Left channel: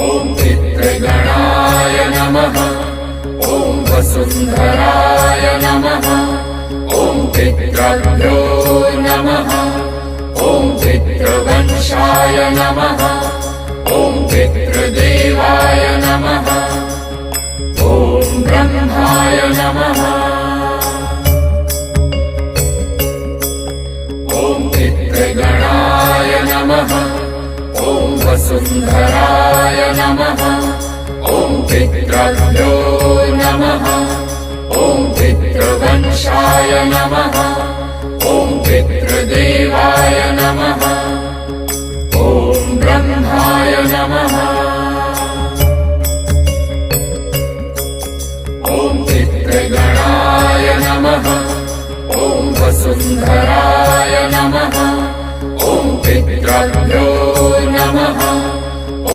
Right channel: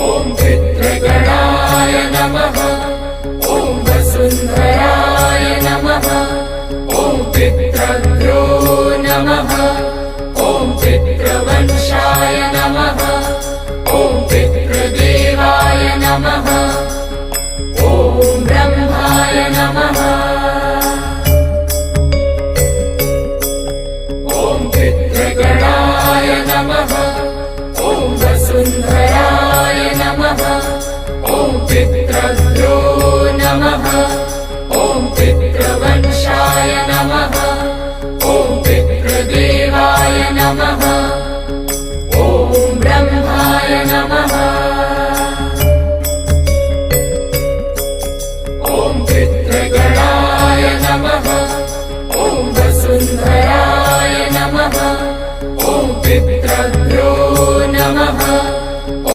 ॐ पितृगणाय नमः। ॐ वसुन्धराय नमः। ॐ पितृभ्यो नमः। ॐ पितृवंशाय नमः। ॐ पितृदेवाय नमः। ॐ ब्रह्माय नमः। ॐ पितृगणाय नमः। ॐ वसुन्धराय नमः। ॐ पितृभ्यो